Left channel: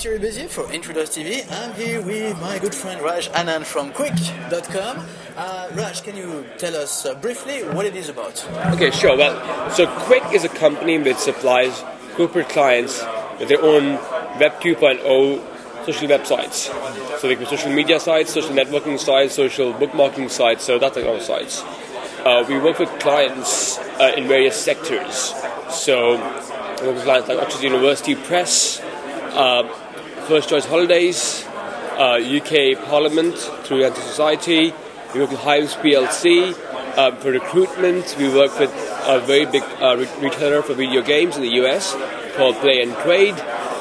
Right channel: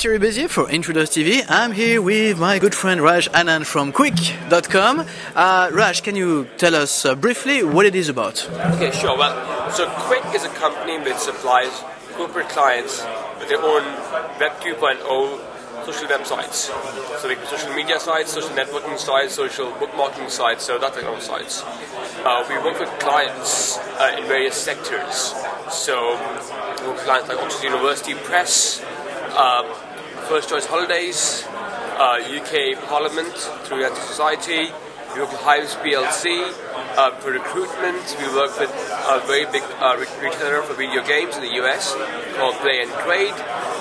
Thierry Bézier for Intruders TV. I'm here with my good friend Raj Anand from Kwiqq.com. Raj, can you tell us briefly what it is about? Okay, sure. Well, so Kwiqq is a company which supplies corporate clients with their own Web 2.0 social websites. So they can social media sites, social networking sites, social bookmarking sites, so that kind of sites. We work with clients in various sectors. So we work with clients like Oxford University Press, First Choice Holidays, UK Parliament through Anti Society. We work with Hives PLC for recruitment. We work with a very big retailer for video games in the US called Play and Trade.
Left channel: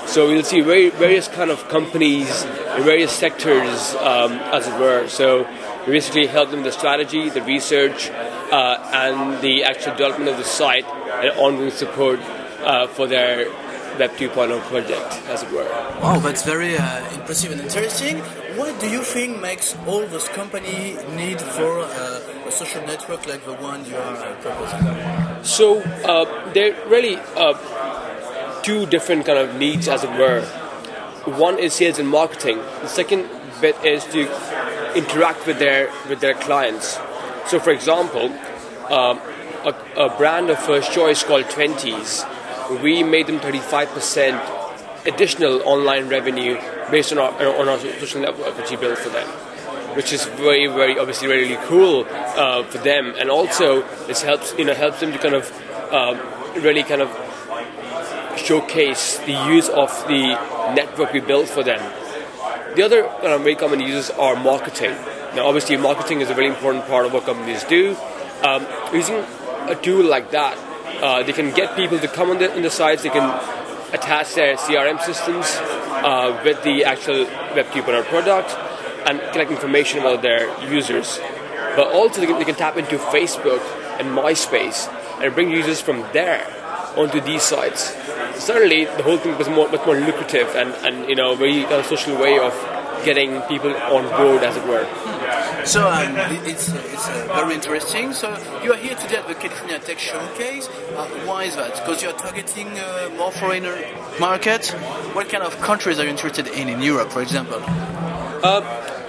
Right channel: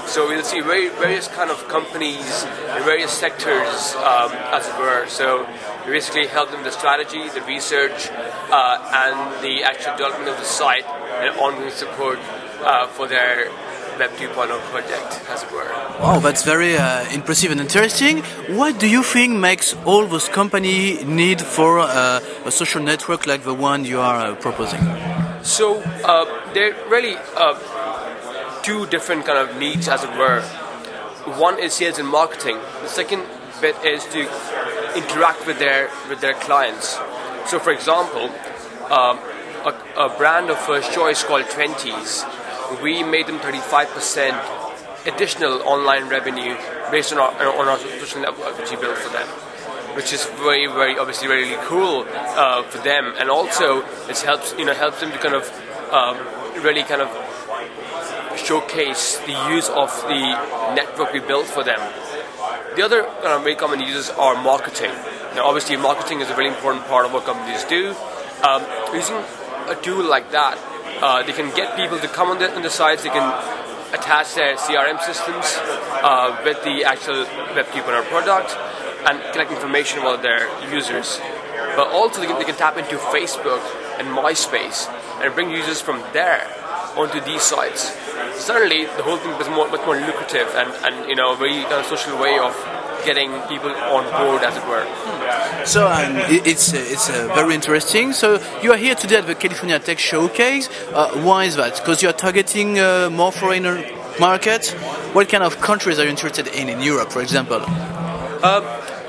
So we'll see various kind of companies in various sectors, as it were. So we basically help them with the strategy, the research, and the actual development of the site and ongoing support for their Web 2.0 project, as it were. Oh, that's very impressive and interesting. What do you think makes all those companies need for a social network like the one you are proposing? So they're really two different kind of needs, as it were. One is sales and marketing. The second bit is to interact with their clients. So, for example, a brand of First Choice called 20s, we made them 35% additional online revenue based on our social network which we built for them, which is very, very obviously really cool for them, and also it helps them to kind of really kind of showcase the use of the network we built for them. The other very common uses are marketing. Now, obviously, marketing is a very important part of what companies do. Using a tool like that, they can get people to come on the sites. They can attach their CRM systems with the actual Web 2.0 product and collect information about their users. But also, they can tap into Facebook and MySpace and bring users from there onto these sites. Certainly, the whole thing was much more lucrative and a very kind of social way of getting people on board, as it were. So it's very interesting. So you are here today at the California Tech Showcase. Why is that? Because you are targeting more foreigner markets. What kind of countries are you interested in Europe, for example?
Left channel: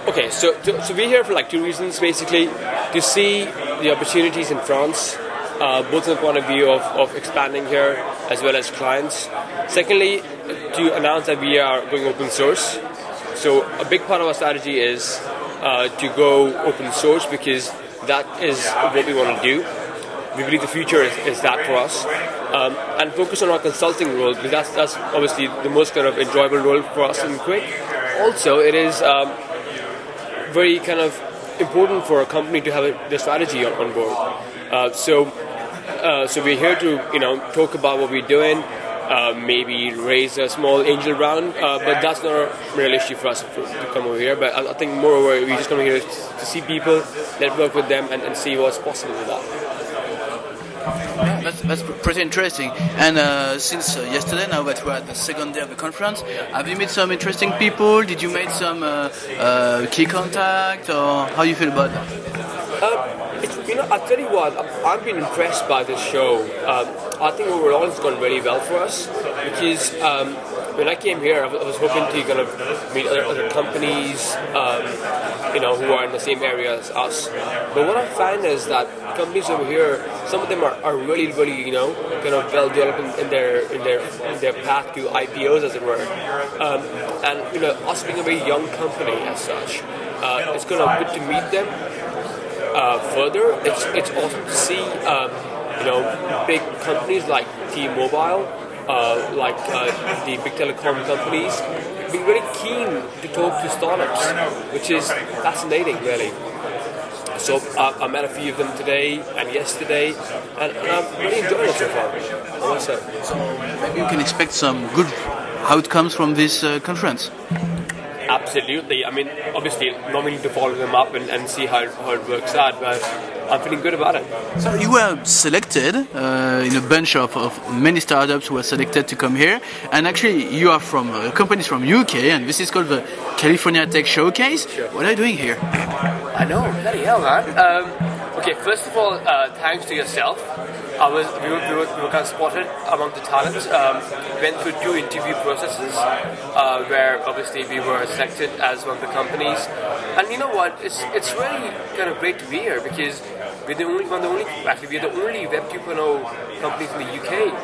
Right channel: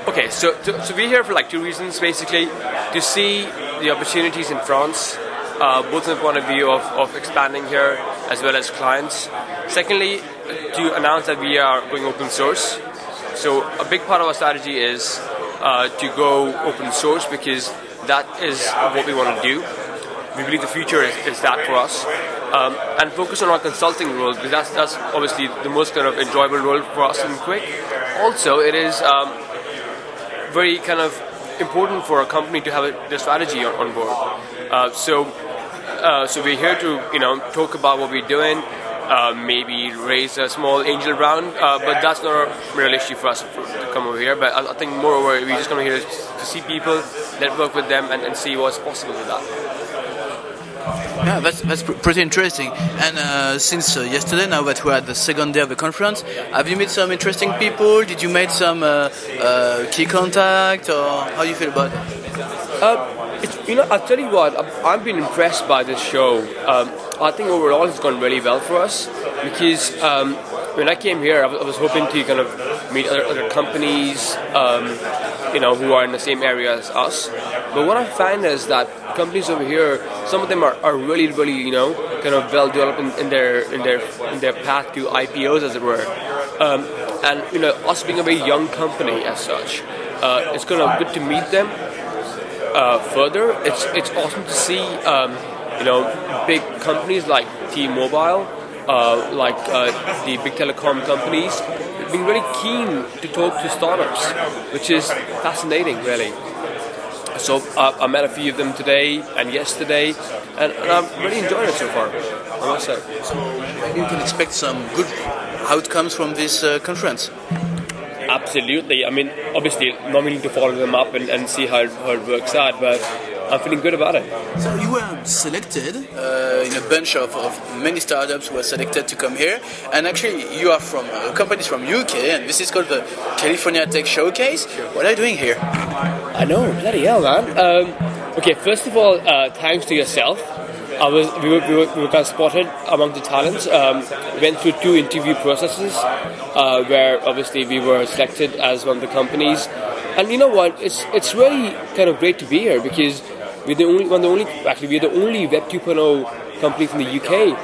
Okay, so we're here for like two reasons, basically. To see the opportunities in France, both from the point of view of expanding here as well as clients. Secondly, to announce that we are going open source. So a big part of our strategy is to go open source, because that is what we want to do. We believe the future is that for us. And focus on our consulting role, because that's obviously the most kind of enjoyable role for us in Kwiqq. Also, it is very kind of important for a company to have the strategy on board. So we're here to talk about what we're doing, maybe raise a small angel round, but that's not a real issue for us to come over here. But I think moreover, we just come here to see people, network with them, and see what's possible with that. Yeah, that's pretty interesting. And since yesterday, now that we're at the second day of the conference, have you met some interesting people? Did you make some key contact, or how do you feel about that? I'll tell you what, I've been impressed by this show. I think overall it's gone really well for us, because when I came here, I was hoping to kind of meet other companies, who are in the same area as us. But what I find is that companies over here, some of them are really, really, kind of well developed in their path to IPOs, as it were. And us being a very young company as such, it's kind of good to meet them. Further, it's awesome to see big companies like T-Mobile, like the big telecom companies, being really keen to talk to startups, which is fascinating, really. So I met a few of them today and yesterday, and I'm really enjoying it so far, I must say. So maybe you can expect some good outcomes from this conference. Absolutely. I mean, obviously, not willing to follow them up and see how it works out, but I'm feeling good about it. So you were selected in a bunch of many startups who were selected to come here, and actually you are from companies from UK, and this is called the California Tech Showcase. What are you doing here? I know, bloody hell, man. Okay, first of all, thanks to yourself. We were kind of spotted among the talents. We went through 2 interview processes. where obviously we were selected as one of the companies. And you know what? It's really kind of great to be here because we're the only Web 2.0 company from the UK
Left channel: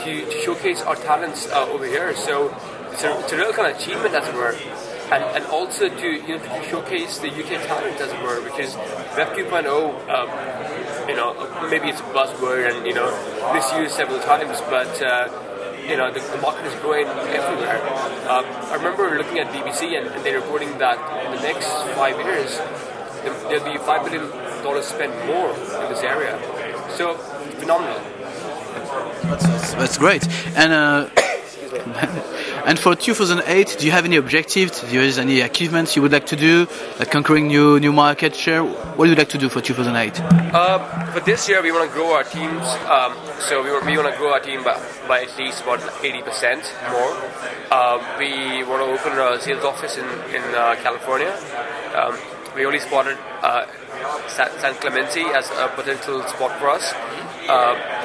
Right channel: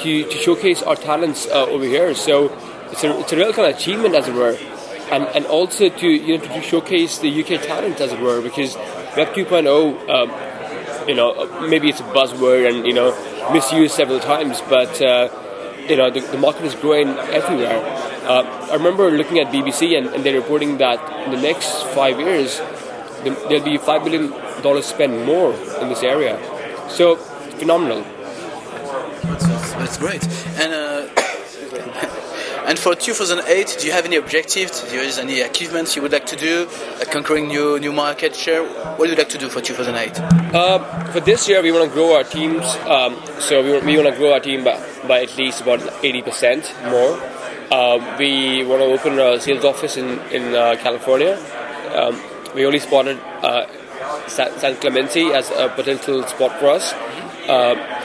to showcase our talents over here. So it's a real kind of achievement, as it were, and also to showcase the UK talent, as it were, because Web 2.0, maybe it's a buzzword and misused several times, but the market is growing everywhere. I remember looking at BBC and they're reporting that in the next 5 years there'll be $5 billion spent more in this area. So phenomenal. That's great. And and for 2008, do you have any objectives? Do you have any achievements you would like to do, like conquering new market share? What would you like to do for 2008? For this year, we want to grow our teams. So we want to grow our team by at least about 80% more. We want to open a sales office in California. We only spotted San Clemente as a potential spot for us.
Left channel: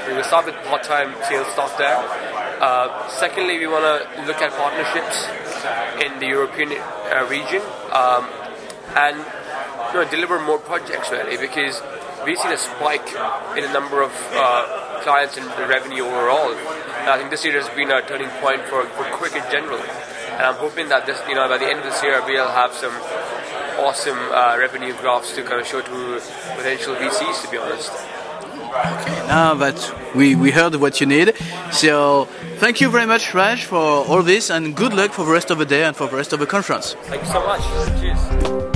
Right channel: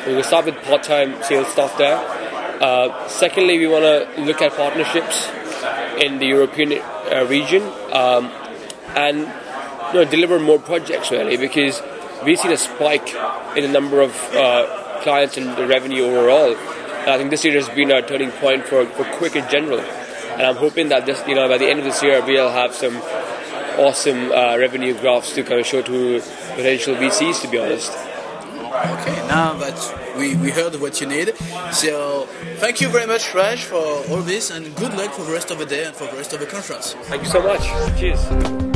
We will start with part-time sales staff there. Secondly, we want to look at partnerships in the European region and deliver more projects, really, because we've seen a spike in the number of clients and the revenue overall. And I think this year has been a turning point for Kwiqq in general. And I'm hoping that this, by the end of this year, we'll have some awesome revenue graphs to kind of show to potential VCs, to be honest. That we heard what you need. So thank you very much, Raj, for all this, and good luck for the rest of the day and for the rest of the conference. Thank you so much. Cheers.